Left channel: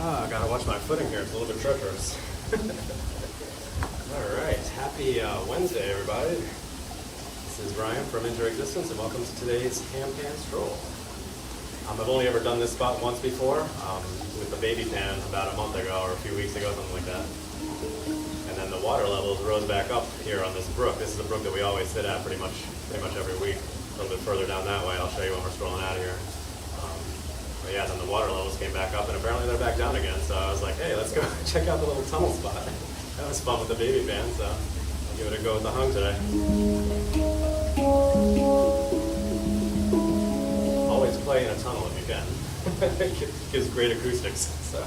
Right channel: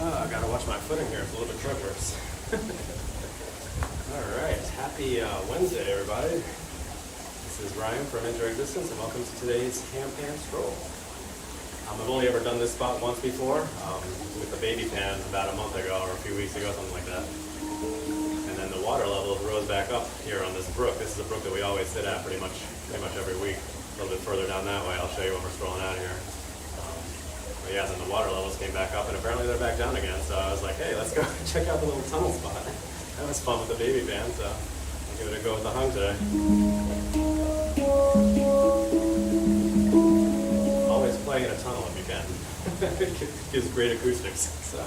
I gotta watch my footing here. It's a little bit treacherous. All right, happy Wednesday, everybody. This is Ryan from Existence, and welcome to today's Handpan Stroll. I've only ever done this spot once before, with the baby pan about a month ago or a few weeks ago, something like that. And then the water levels rose back up here on this brook. This is a brook that we always sit at pretty much every week. A little bit further down that way. I'll show you when we're strolling out of here. But yeah, then the water levels came back up, and apparently they're back down again. So I was like, hey, let's go check out the little tunnel spot. That was fun with the baby pan, so I'll give it a go with the hung today. Always play in a tunnel if you can. It gives great acoustics. So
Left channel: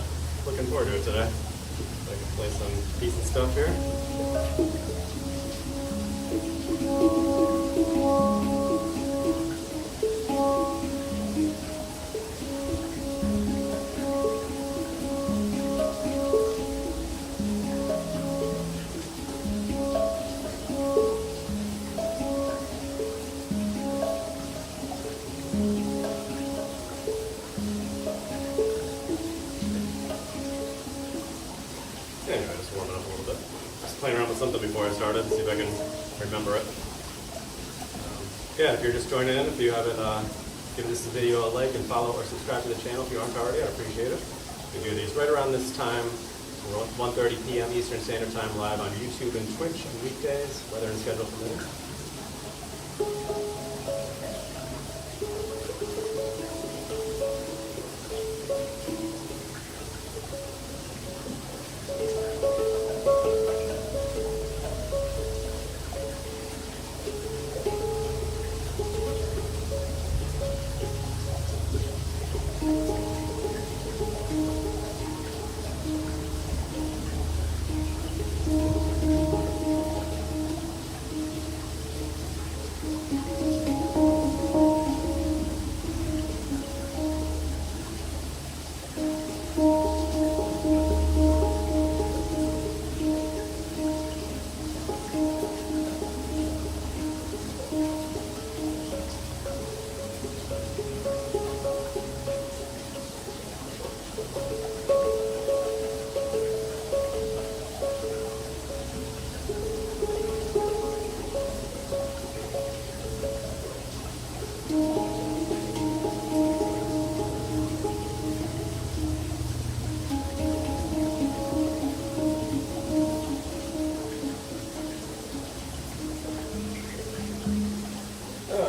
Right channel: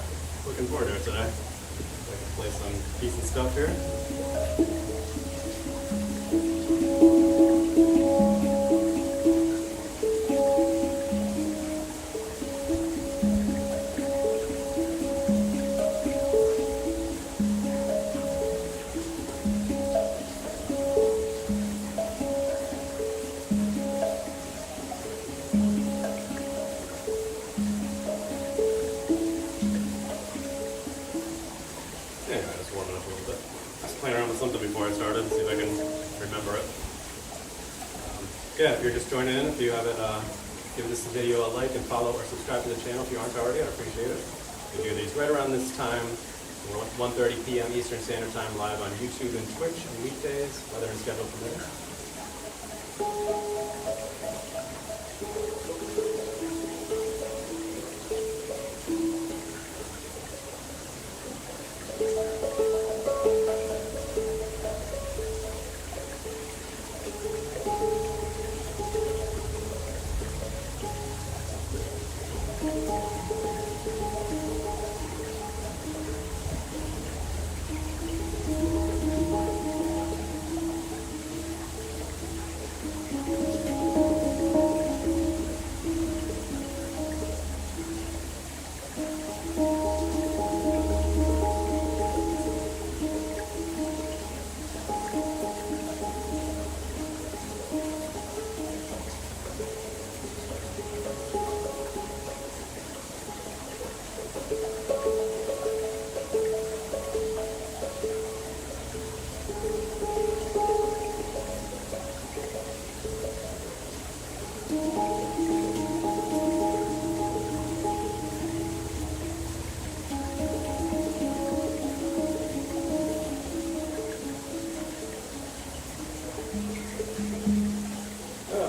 looking forward to it today. So I can play some decent stuff here. Anyway, just warming up a little bit. I was playing around with something before I started, see if I can remember it. Yeah, if you're just joining in, if you haven't given this video a like and follow or subscribe to the channel if you aren't already, I'd appreciate it. We do these right around this time. We're at 1:30 p.m. Eastern Standard Time live on YouTube and Twitch on weekdays, weather and schedule permitting.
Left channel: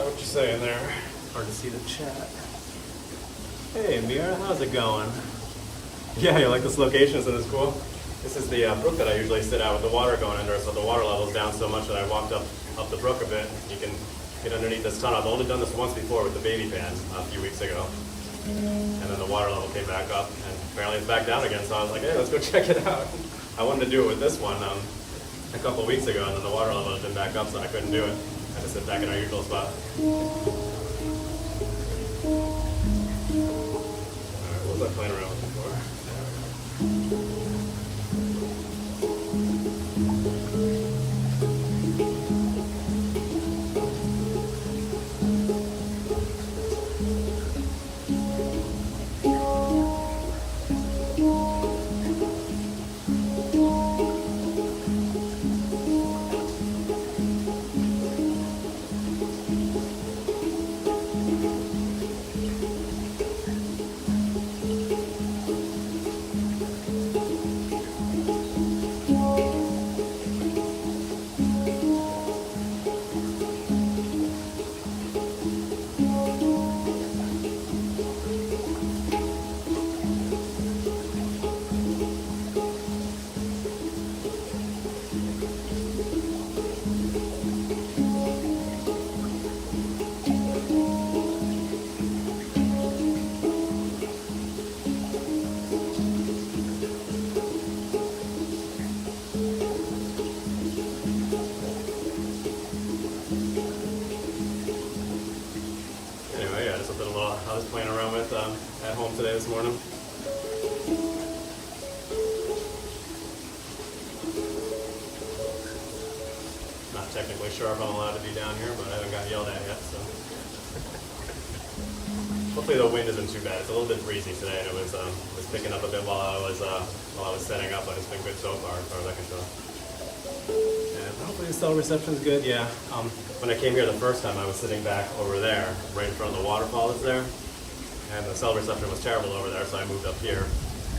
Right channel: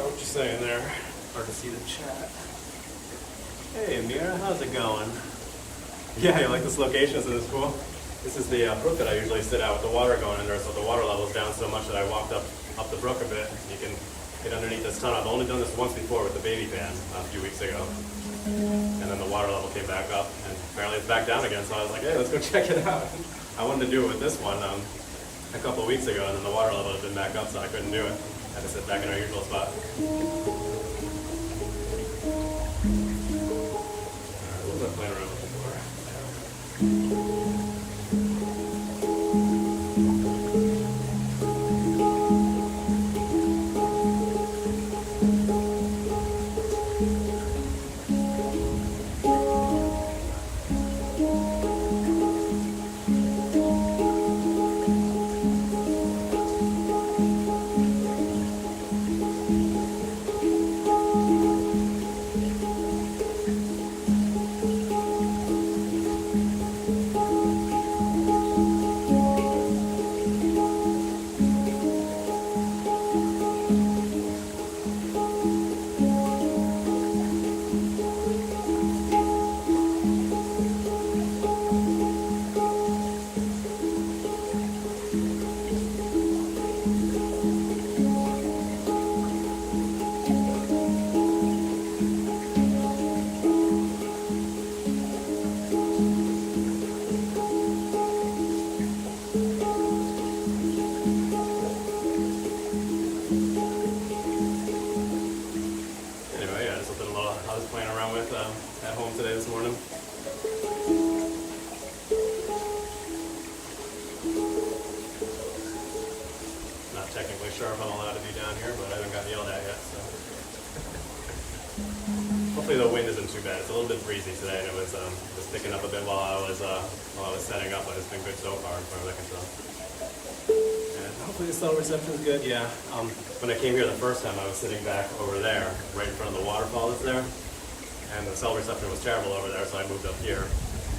What you saying there? Hard to see the chat. Hey Mira, how's it going? Yeah, you like this location? Isn't this cool? This is the brook that I usually sit at with the water going under, so the water level's down so much that I walked up the brook a bit. You can get underneath this tunnel. I've only done this once before with the baby pan a few weeks ago. And then the water level came back up, and apparently it's back down again, so I was like, hey, let's go check it out. I wanted to do it with this one a couple of weeks ago, and then the water level had been back up, so I couldn't do it. I had to sit back in our usual spot. Alright, what was I playing around with before? There we go. I was playing around with at home today this morning. Not technically sure if I'm allowed to be down here, but I haven't gotten yelled at yet, so. hopefully the wind isn't too bad. It's a little bit breezy today, and it was picking up a bit while I was setting up, but it's been good so far as I can tell. And hopefully the cell reception is good. Yeah. When I came here the first time, I was sitting back over there, right in front of the waterfall that's there, and the cell reception was terrible over there, so I moved up here,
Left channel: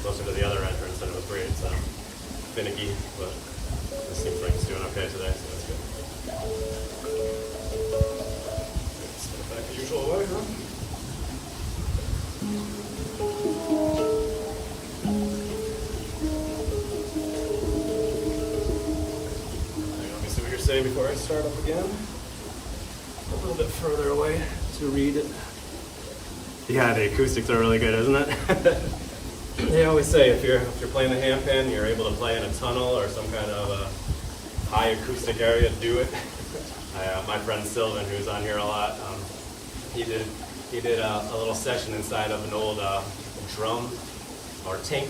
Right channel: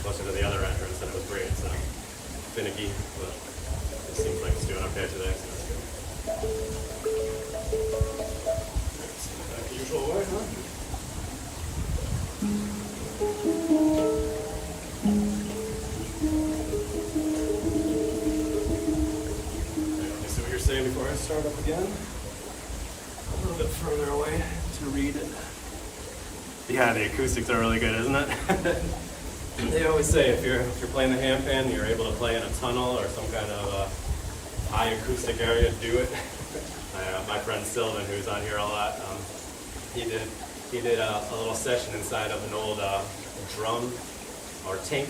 closer to the other entrance, and it was great. So finicky, but it seems like it's doing okay today, so that's good. Let's get it back the usual way, huh? Let me see what you're saying before I start up again. A little bit further away to read it. Yeah, the acoustics are really good, isn't it? They always say if you're playing the handpan, you're able to play in a tunnel or some kind of high acoustic area, do it. My friend Sylvan, who's on here a lot, he did a little session inside of an old drum or tank,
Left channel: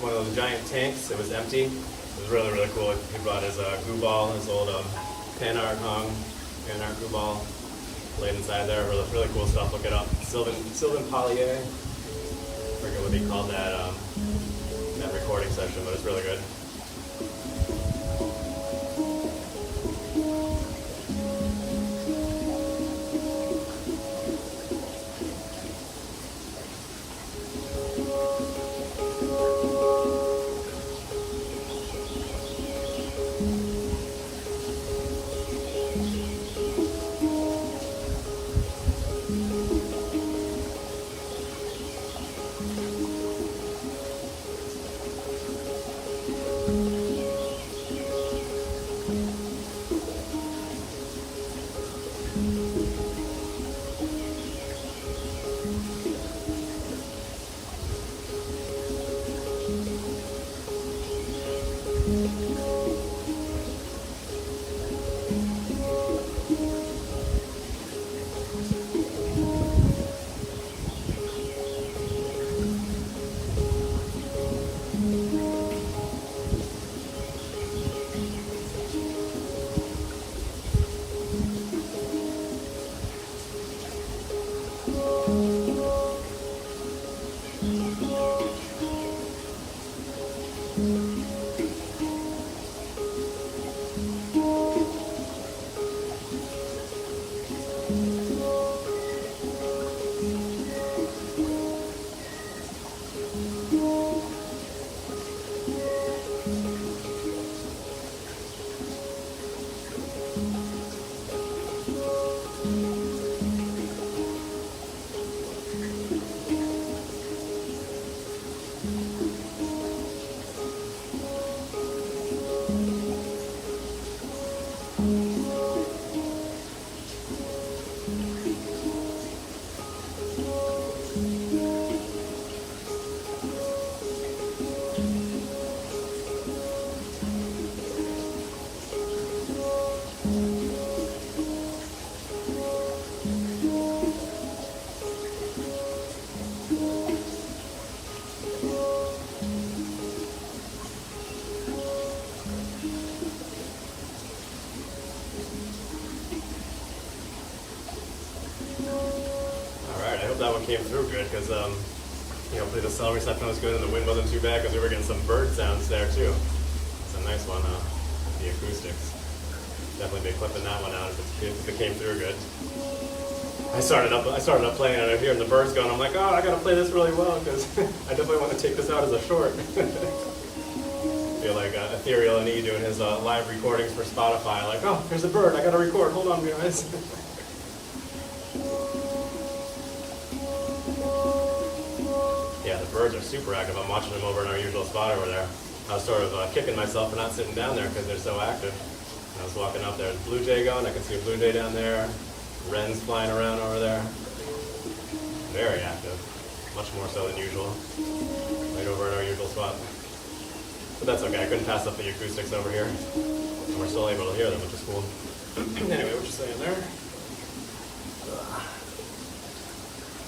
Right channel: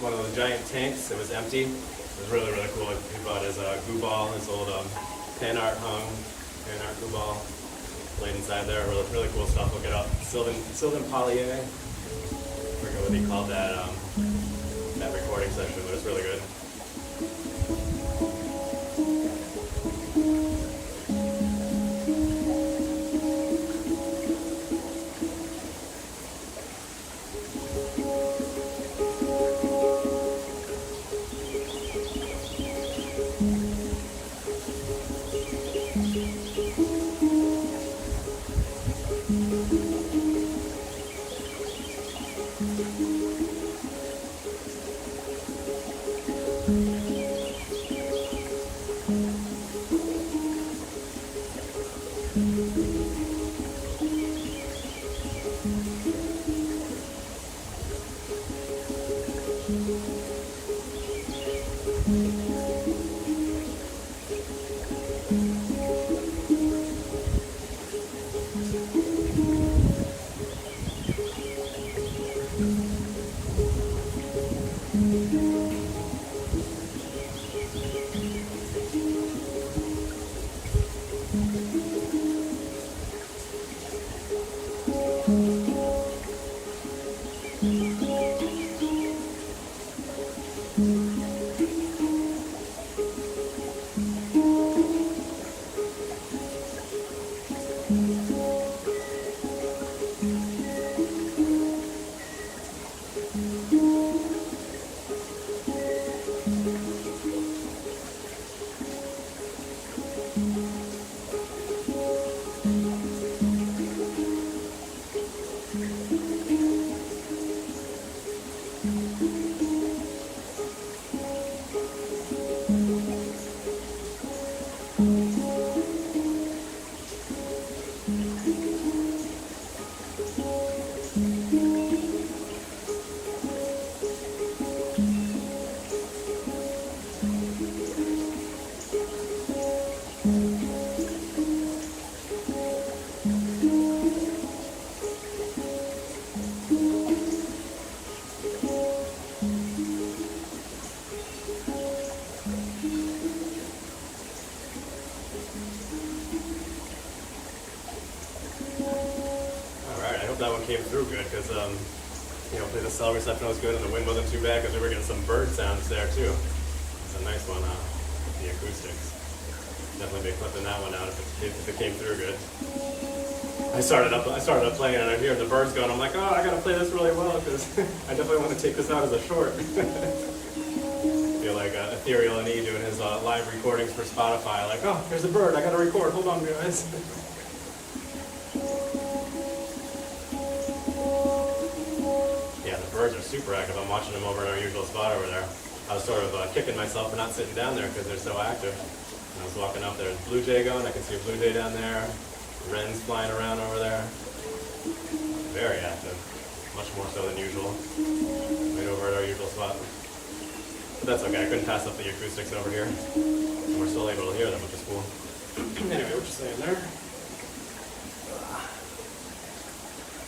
one of those giant tanks. It was empty. It was really, really cool. He brought his goo ball, his old pan art goo ball, played inside there. Really, really cool stuff. Look it up. Sylvan Pollier. I forget what he called that recording session, but it's really good. That one came through good because hopefully the cell reception was good and the wind wasn't too bad because we were getting some bird sounds there too. It's a nice one, the acoustics. Definitely be clipping that one out if it came through good. I started up playing and I'm hearing the birds going. I'm like, oh, I gotta play this really well because I definitely want to take this out as a short. I feel like Ethereal and E doing his live recordings for Spotify. Like, oh, there's a bird. I gotta record. Hold on, guys. Yeah, the birds are super active. I'm watching them over in our usual spot over there. I was sort of kicking myself for not sitting down there because they're so active. I was walking up there, there's a blue jay going. I can see a blue jay down there. Wrens flying around over there. Very active. Much more so than usual. Right over at our usual spot. But that's okay. I couldn't pass up the acoustics over here. And we're still able to hear them, which is cool. Anyway, what you saying there?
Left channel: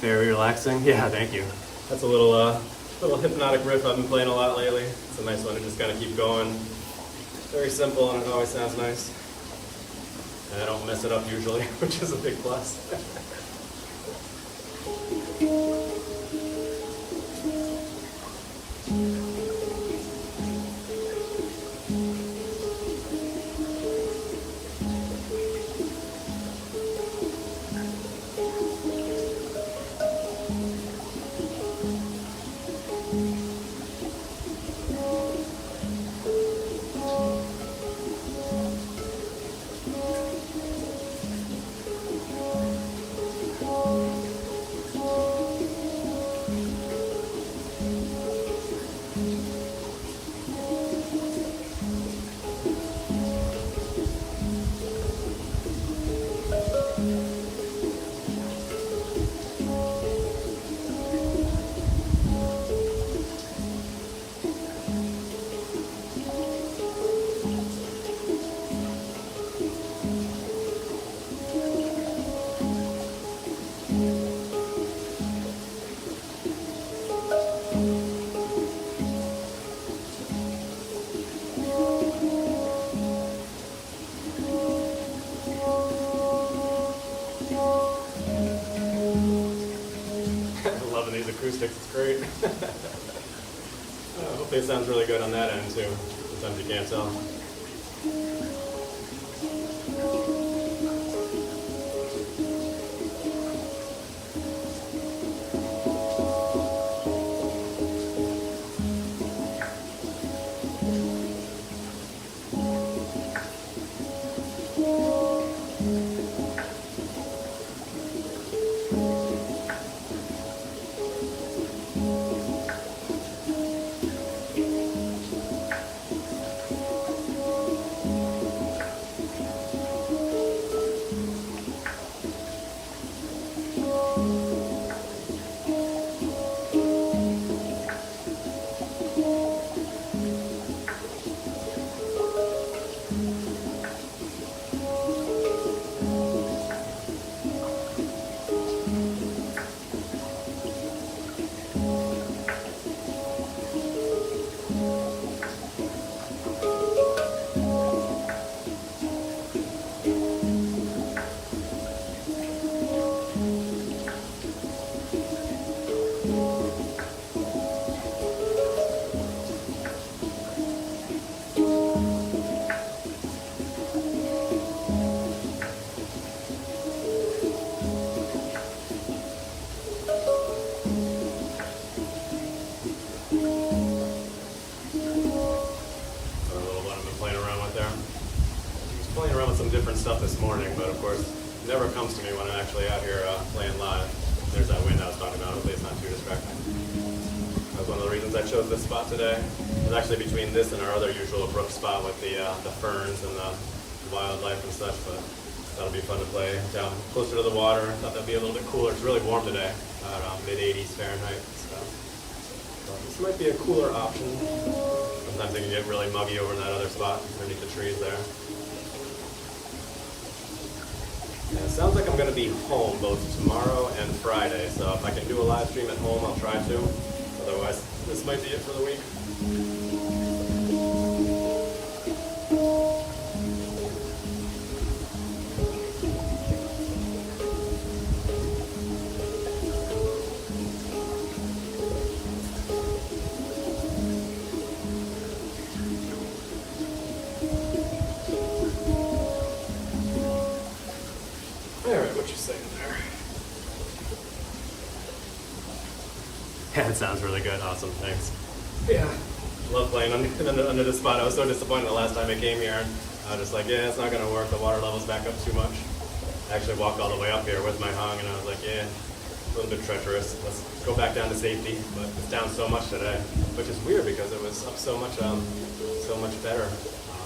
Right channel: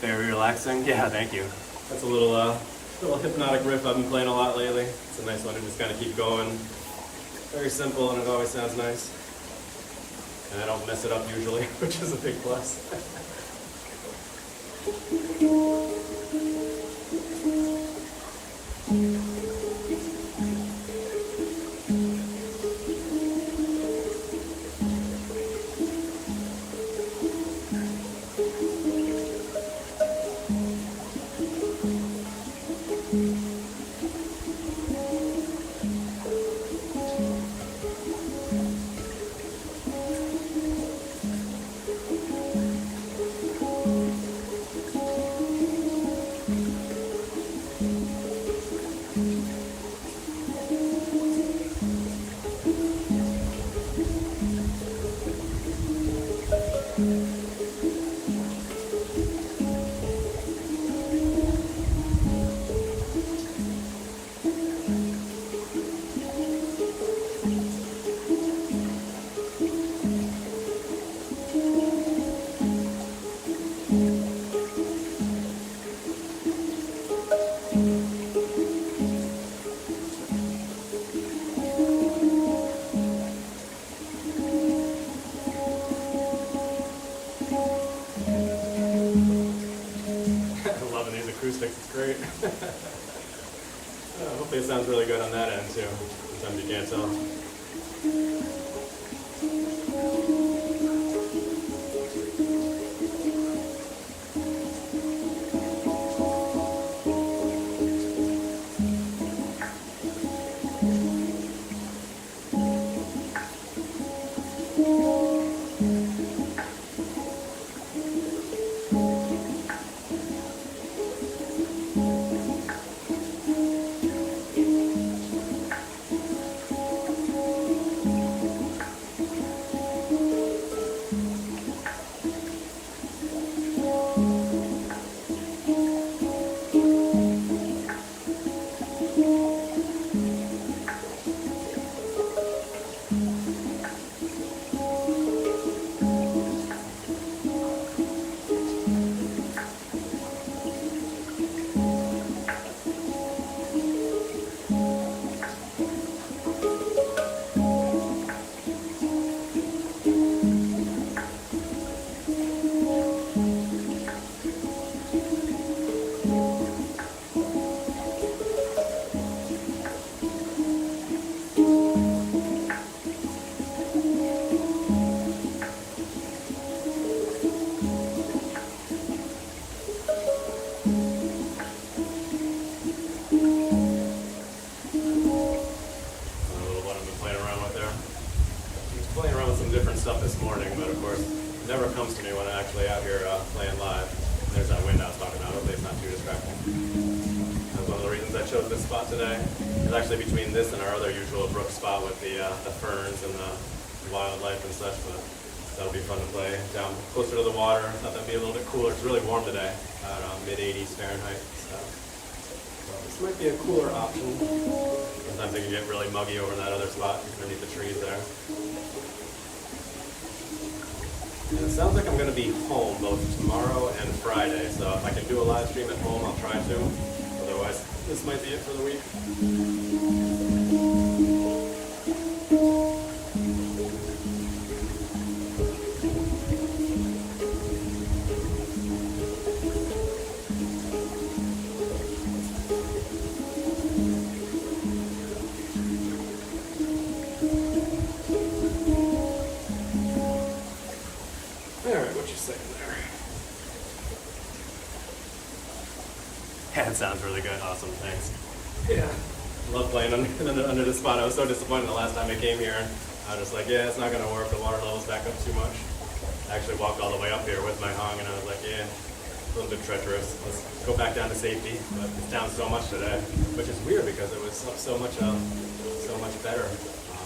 Very relaxing. Yeah, thank you. That's a little hypnotic riff I've been playing a lot lately. It's a nice one to just kind of keep going. Very simple, and it always sounds nice. And I don't mess it up usually, which is a big plus. Loving these acoustics, it's great. Hopefully it sounds really good on that end too. Sometimes you can't tell. Different stuff this morning, but of course it never comes to me when I'm actually out here playing live. There's that wind I was talking about. Hopefully it's not too distracting. That was one of the reasons I chose this spot today. It's actually between this and our other usual brook spot with the ferns and the wildlife and such, but that'll be fun to play down closer to the water. Thought that'd be a little bit cooler. It's really warm today, around mid-80s Fahrenheit. So this might be a cooler option. Sometimes it can get really muggy over in that other spot underneath the trees there. And it sounds like I'm going to be home both tomorrow and Friday, so if I can do a live stream at home, I'll try to. Otherwise, this might be it for the week. Alright, what you saying there? Yeah, it sounds really good. Awesome, thanks. Yeah, I love playing under this spot. I was so disappointed the last time I came here, and I was just like, yeah, it's not going to work. The water level's back up too much. I actually walked all the way up here with my hung, and I was like, yeah, a little bit treacherous. Let's go back down to safety. But it's down so much today, which is weird because it was up so much better.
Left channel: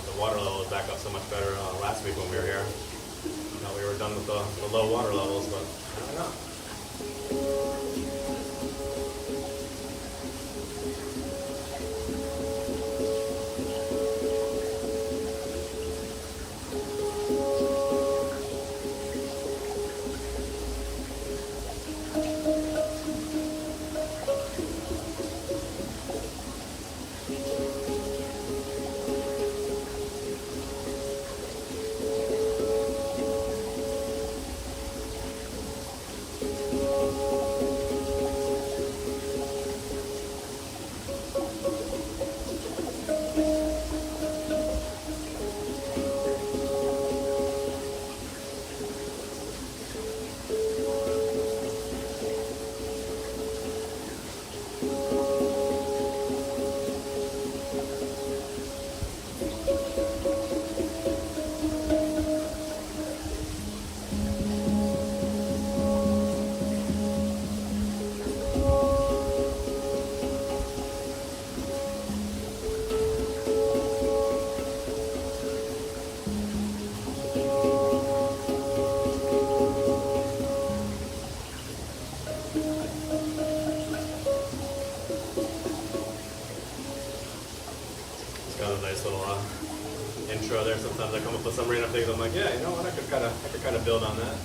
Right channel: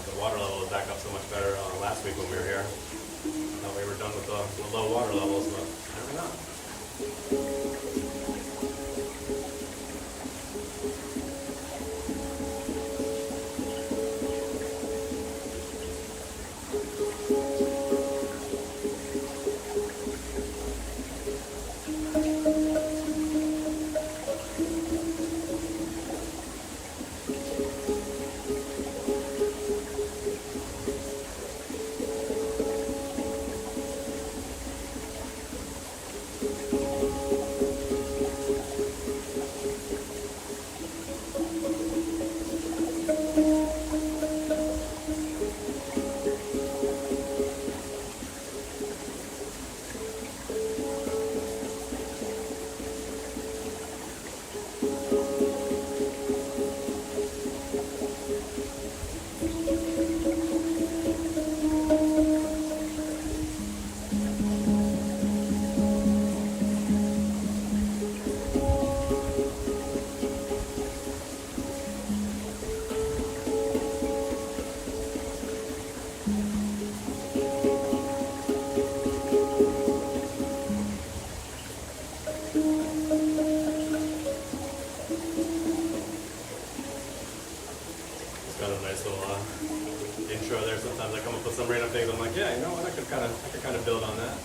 The water level was back up so much better last week when we were here. I thought we were done with the low water levels, but apparently not. done a nice little intro there. Sometimes I come up with some random things. I'm like, yeah, you know what? I could kind of build on that.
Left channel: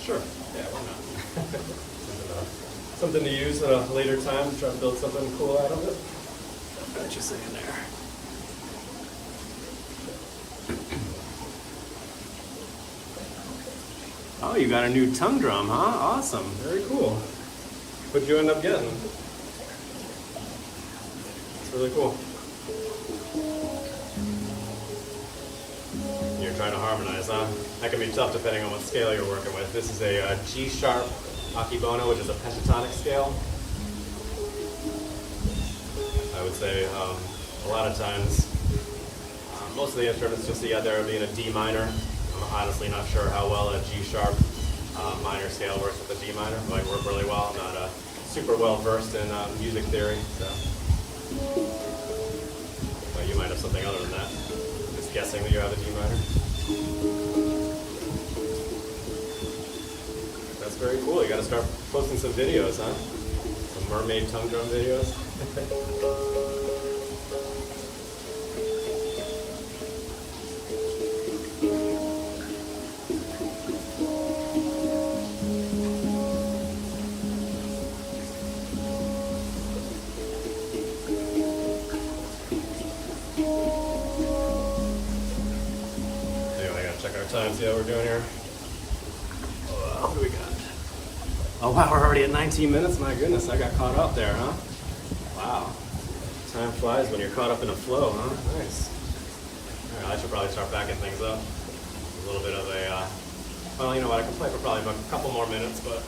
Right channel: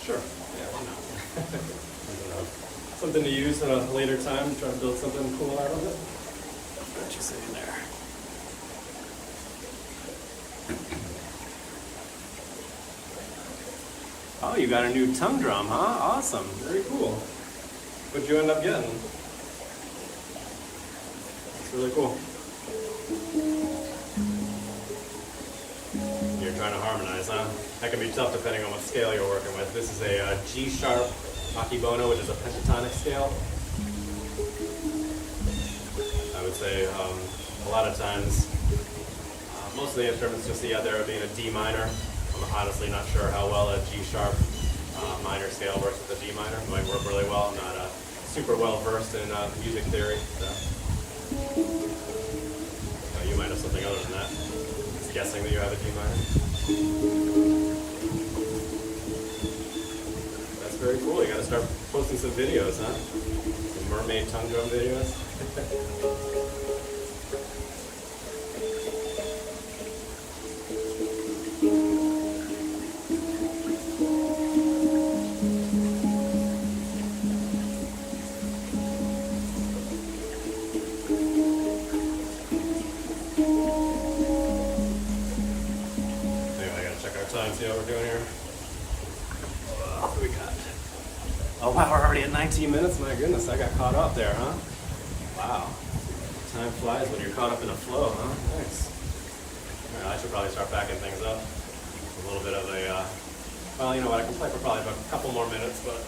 Sure. Yeah, why not? Something to use at a later time, try to build something cool out of it. What you saying there? Oh, you got a new tongue drum, huh? Awesome. Very cool. What'd you end up getting? It's really cool. You're trying to harmonize, huh? That can be tough depending on what scale you're working with. This is a G sharp akebono, which is a pentatonic scale. I would say a lot of times, most of the instruments you'll see out there being a D minor. I'm honestly not sure how well a G sharp minor scale works with a D minor. It might work really well. I'm not super well versed in music theory, so you might have something other than that. Just guessing that you have a D minor. That's very cool. You got to start posting some videos, huh? Some mermaid tongue drum videos. Time, see how we're doing here. What do we got? Oh wow, we're already at 19 minutes. My goodness, I got caught up there, huh? Wow. Time flies when you're caught up in a flow, huh? Nice. All right, I should probably start backing things up. A little bit of a, well, you know what? I can play for probably a couple more minutes, but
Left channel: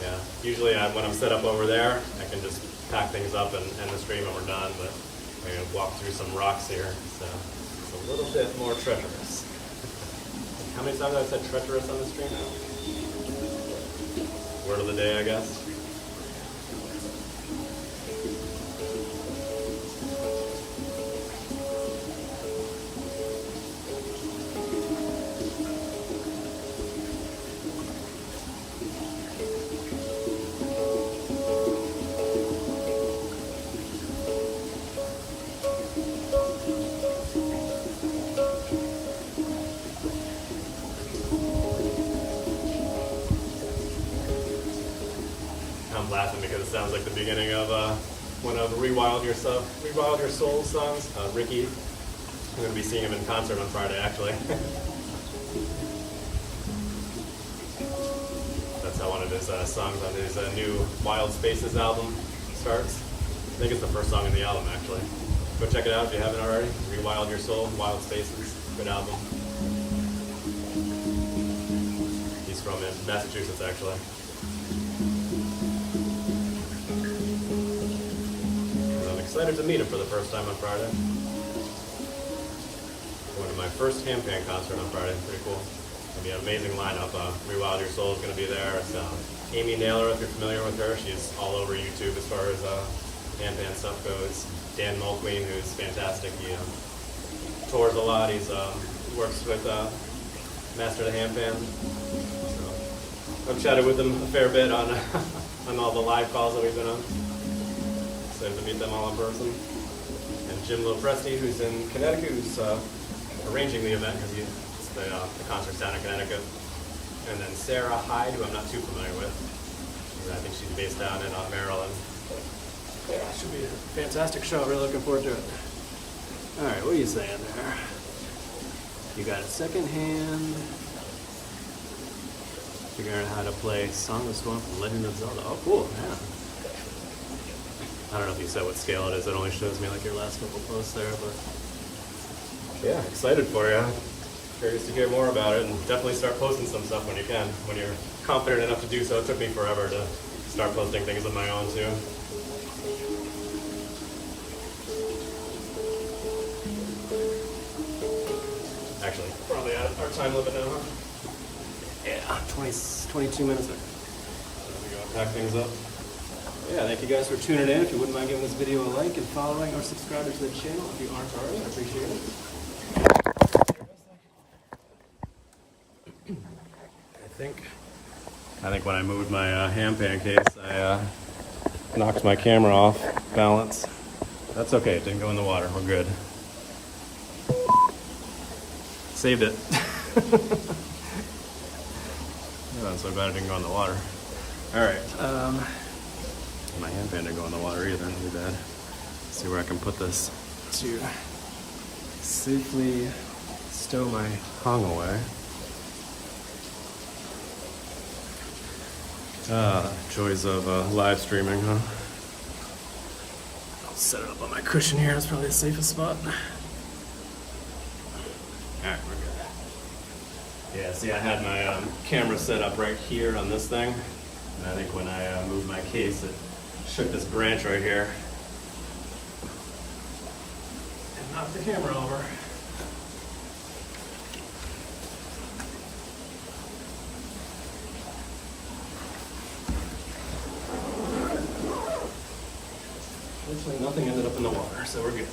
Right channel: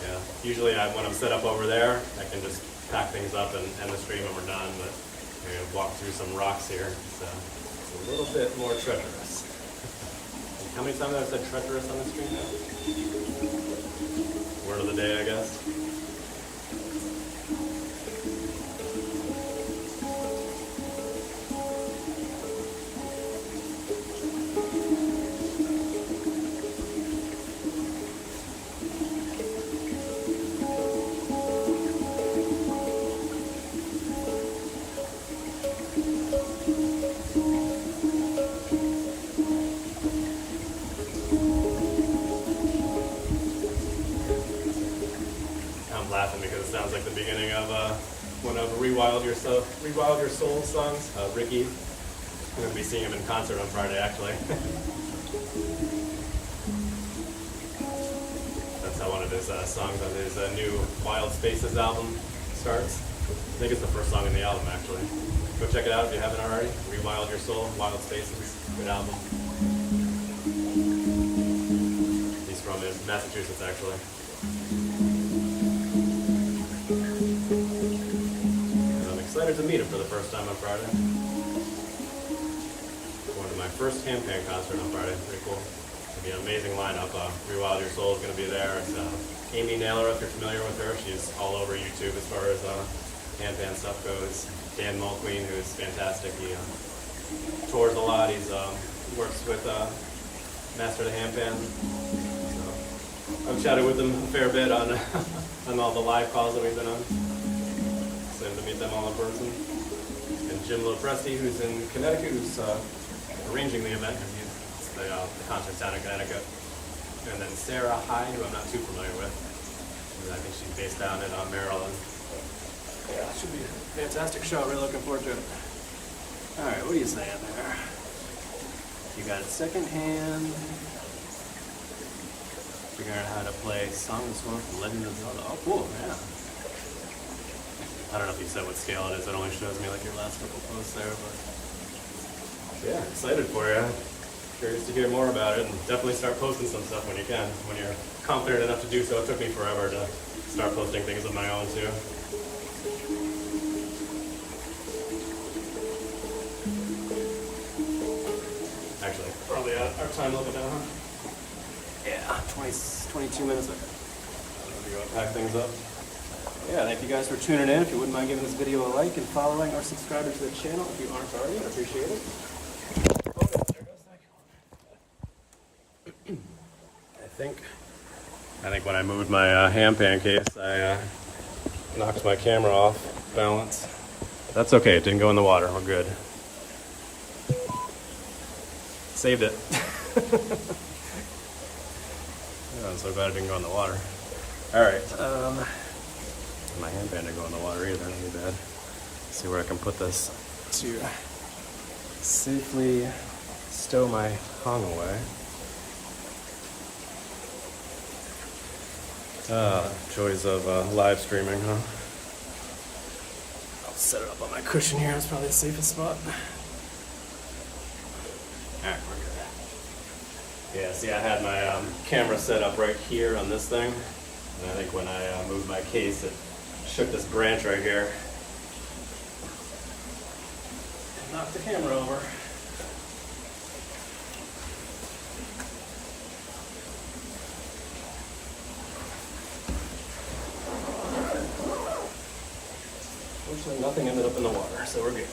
yeah. Usually when I'm set up over there, I can just pack things up and end the stream when we're done, but I'm going to walk through some rocks here, so it's a little bit more treacherous. How many times have I said treacherous on the stream now? Word of the day, I guess. I'm laughing because it sounds like the beginning of one of Rewild Your Soul songs. Ricky, I'm going to be seeing him in concert on Friday, actually. That's how one of his songs on his new Wild Spaces album starts. I think it's the first song in the album, actually. Go check it out if you haven't already. Rewild Your Soul, Wild Spaces, good album. He's from Massachusetts, actually. Excited to meet him for the first time on Friday. Going to my first Handpan concert on Friday. Pretty cool. It's going to be an amazing lineup. Rewild Your Soul is going to be there. It's Amy Naylor, if you're familiar with her. She's all over YouTube as far as Handpan stuff goes. Dan Mulqueen, who's fantastic. He tours a lot. He works with Master the Handpan. So I've chatted with him a fair bit on on all the live calls that we've been on. Excited to meet them all in person. And Jim Lopresti, who's in Connecticut, who's arranging the event because the concert's down in Connecticut. And then Sarah Hyde, who I'm not too familiar with. I think she's based down in Maryland. Yeah, it should be a fantastic show. Really looking forward to it. All right, what are you saying there? You got it secondhand. Figuring out how to play Song of Storm from Legend of Zelda. Oh, cool, man. I don't know if you said what scale it is. It only shows me like your last couple posts there, but yeah, excited for you. Curious to hear more about it, and definitely start posting some stuff when you can, when you're confident enough to do so. It took me forever to start posting things of my own too. Actually, probably at our time limit now, huh? Yeah, 22 minutes. Okay. Let me go and pack things up. Yeah, thank you guys for tuning in. If you wouldn't mind giving this video a like and following or subscribing to the channel if you aren't already, I appreciate it. I think when I moved my Handpan case, I knocked my camera off balance. That's okay, it didn't go in the water, we're good. Saved it. Oh, I'm so glad it didn't go in the water. All right, my Handpan didn't go in the water either, not too bad. Let's see where I can put this to safely stow my hong away. Joys of live streaming, huh? I'll set it up on my cushion here. It's probably the safest spot. Alright, we're good. Yeah, see, I had my camera set up right here on this thing. And I think when I moved my case, it shook this branch right here and knocked the camera over. Fortunately, nothing ended up in the water, so we're good.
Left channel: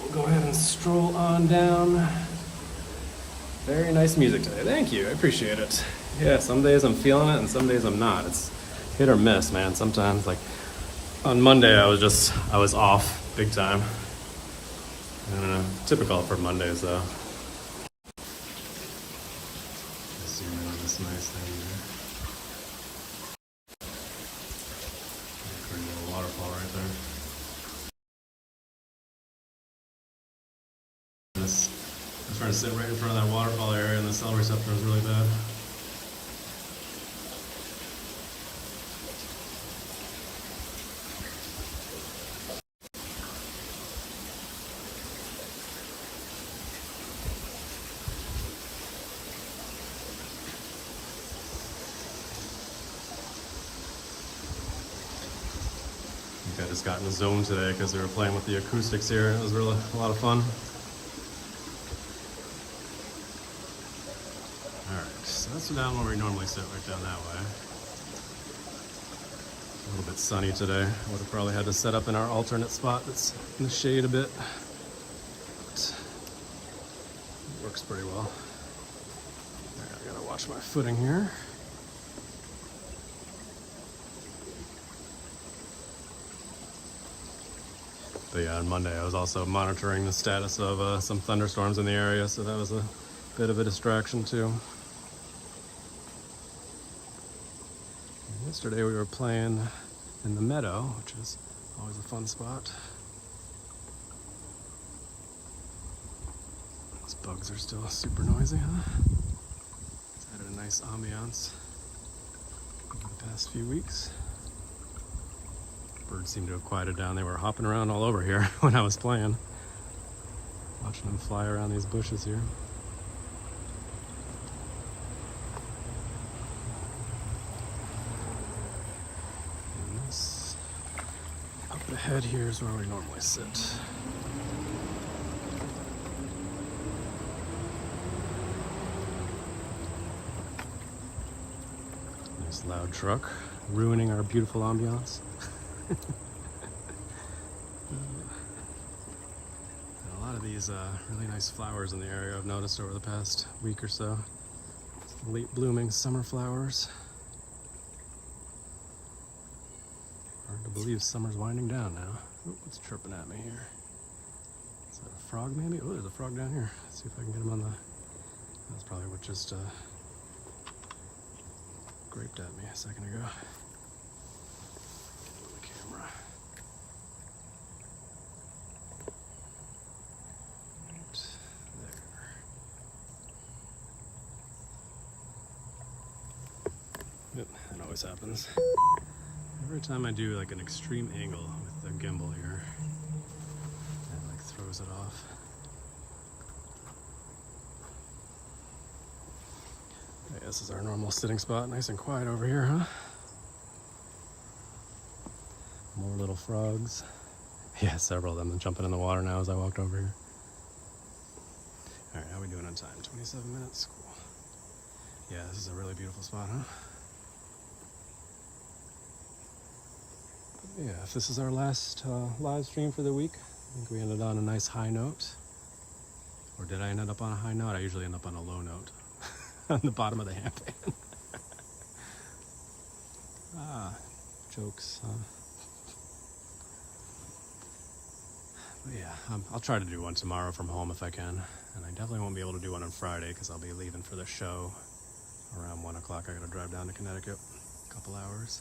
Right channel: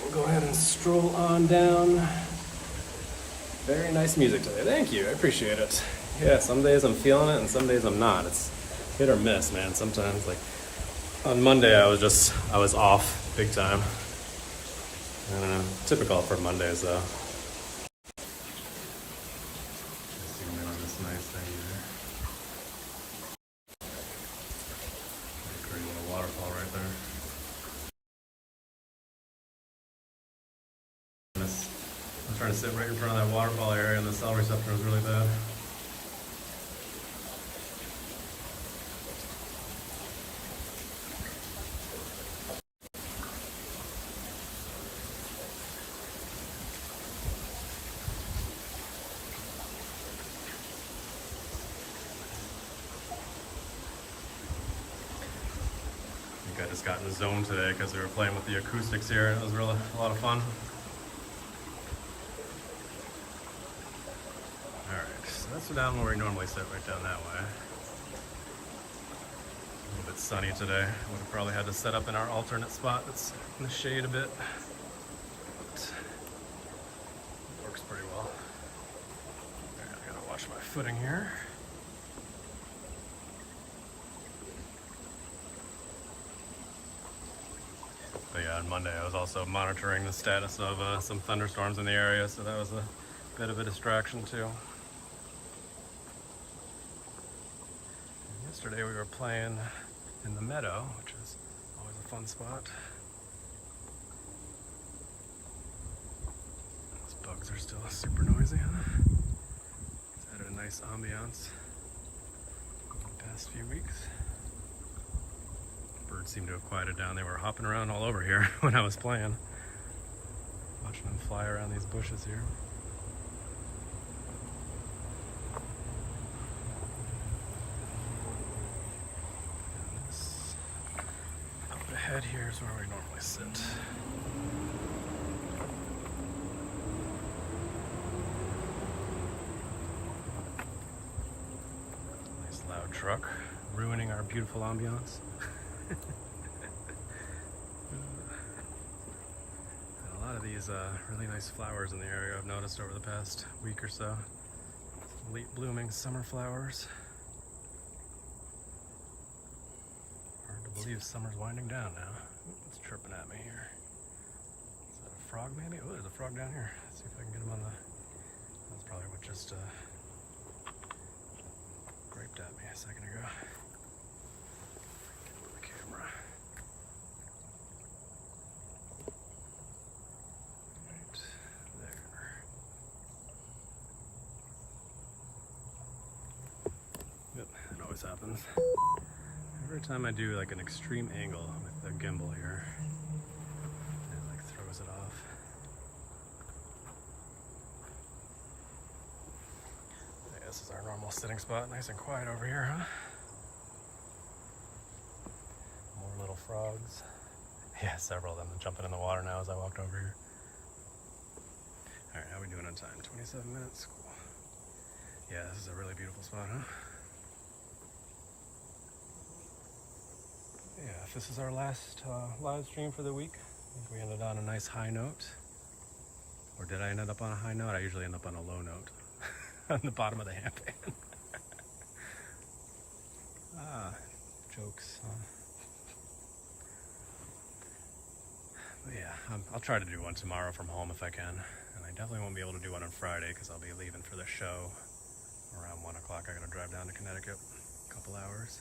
We'll go ahead and stroll on down. Very nice music today. Thank you. I appreciate it. Yeah, some days I'm feeling it and some days I'm not. It's hit or miss, man. Sometimes, like on Monday, I was off big time. I don't know. Typical for Mondays, though. Zoom in on this nice thing here. Pretty little waterfall right there. I was trying to sit right in front of that waterfall area, and the cell receptor was really bad. I just got in the zone today because they were playing with the acoustics here. It was really a lot of fun. Alright, so that's down where we normally sit, right down that way. A little bit sunny today. Would have probably had to set up in our alternate spot that's in the shade a bit. But it works pretty well. Alright, I gotta watch my footing here. But yeah, on Monday I was also monitoring the status of some thunderstorms in the area, so that was a bit of a distraction too. And yesterday we were playing in the meadow, which is always a fun spot. Those bugs are still super noisy, huh? It's had a nice ambiance over the past few weeks. Birds seem to have quieted down. They were hopping around all over here when I was playing. Watching them fly around these bushes here. And this up ahead here is where we normally sit. Nice loud truck, ruining our beautiful ambiance. A lot of these really nice flowers in the area I've noticed over the past week or so. Some late blooming summer flowers. Hard to believe summer's winding down now. Oh, it's chirping at me here. Is that a frog maybe? Oh, there's a frog down here. Let's see if I can get him on the... That's probably what just graped at me a second ago. Get him on the camera. Right there. Yep, that always happens. Every time I do like an extreme angle with the gimbal here, it like throws it off. Yeah, this is our normal sitting spot, nice and quiet over here, huh? More little frogs. Yeah, several of them jumping in the water now as I walked over here. All right, how are we doing on time? 27 minutes, cool. Yeah, this is a really beautiful spot, huh? Yeah, if this is our last live stream for the week, I think we ended on a nice high note. Or did I end up on a high note? I usually end up on a low note on the bottom of the handpan. Jokes. But yeah, I'll try to do one tomorrow from home if I can. And I definitely won't be able to do one on Friday because I'll be leaving for the show around 1 o'clock. I gotta drive down to Connecticut a couple hours.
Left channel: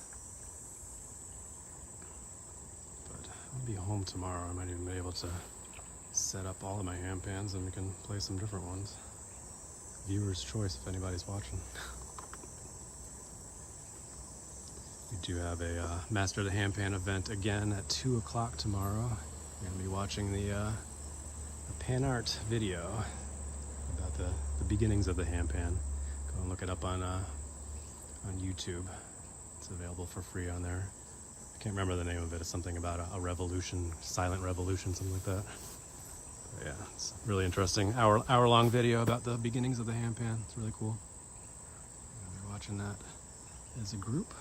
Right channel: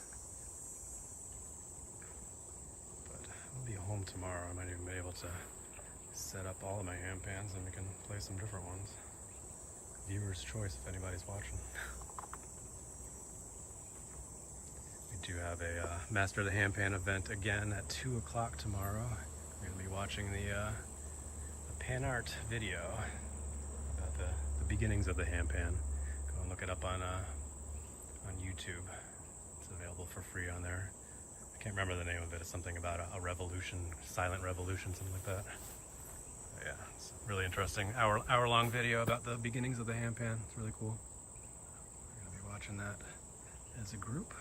I'll be home tomorrow. I might even be able to set up all of my handpans and we can play some different ones. Viewer's choice if anybody's watching. We do have a Master of the Handpan event again at 2 o'clock tomorrow. We're going to be watching the pan art video about the beginnings of the handpan. Go and look it up on YouTube. It's available for free on there. I can't remember the name of it. It's something about a revolution, silent revolution, something like that. But yeah, it's really interesting. Hour-long video about the beginnings of the handpan. It's really cool. We're gonna be watching that as a group.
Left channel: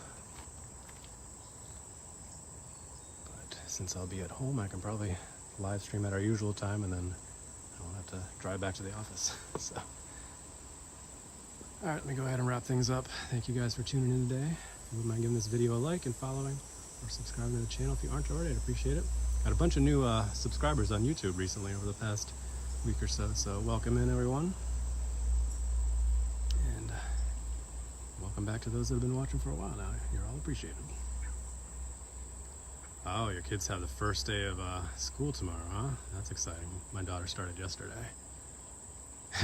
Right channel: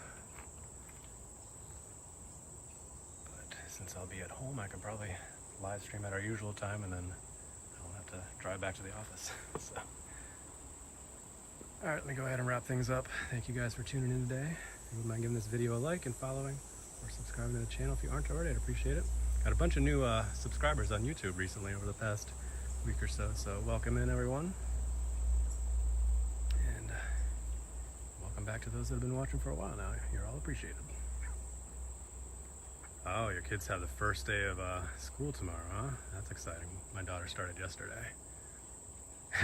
But since I'll be at home, I can probably live stream at our usual time, and then I'll have to drive back to the office. So, all right, let me go ahead and wrap things up. Thank you guys for tuning in today. If you wouldn't mind giving this video a like and following, or subscribing to the channel if you aren't already, I'd appreciate it. Got a bunch of new subscribers on YouTube recently over the past week or so, so welcome in everyone. And welcome back to those that have been watching for a while now. You're all appreciated. Oh, your kids have the first day of school tomorrow, huh? That's exciting. My daughter started yesterday.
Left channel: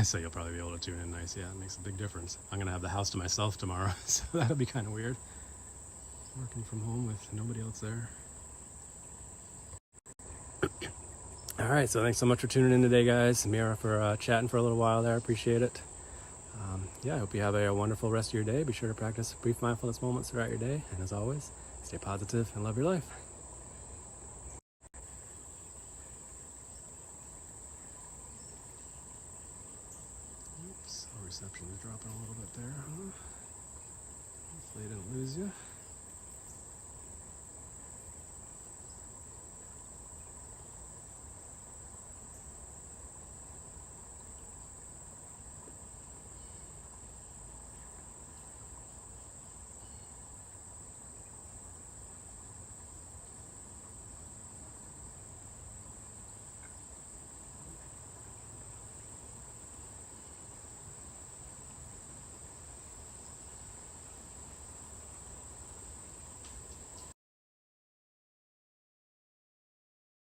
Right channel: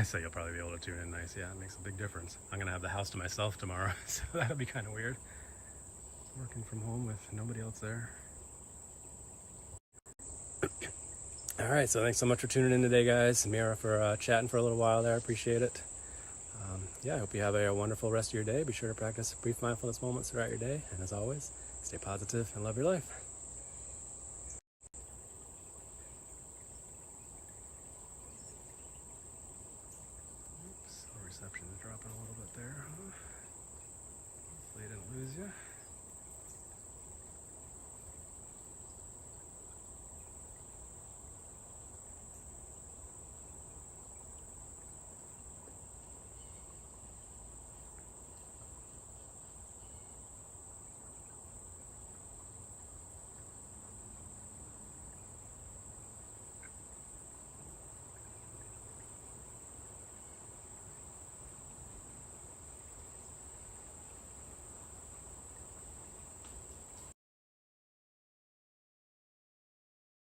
So you'll probably be able to tune in nice. Yeah, it makes a big difference. I'm gonna have the house to myself tomorrow, so that'll be kind of weird. Working from home with nobody else there. All right, so thanks so much for tuning in today, guys. Mira for chatting for a little while there. I appreciate it. Yeah, I hope you have a wonderful rest of your day. Be sure to practice brief mindfulness moments throughout your day. And as always, stay positive and love your life. Oops, our reception is dropping a little bit there, huh? Hopefully I didn't lose you.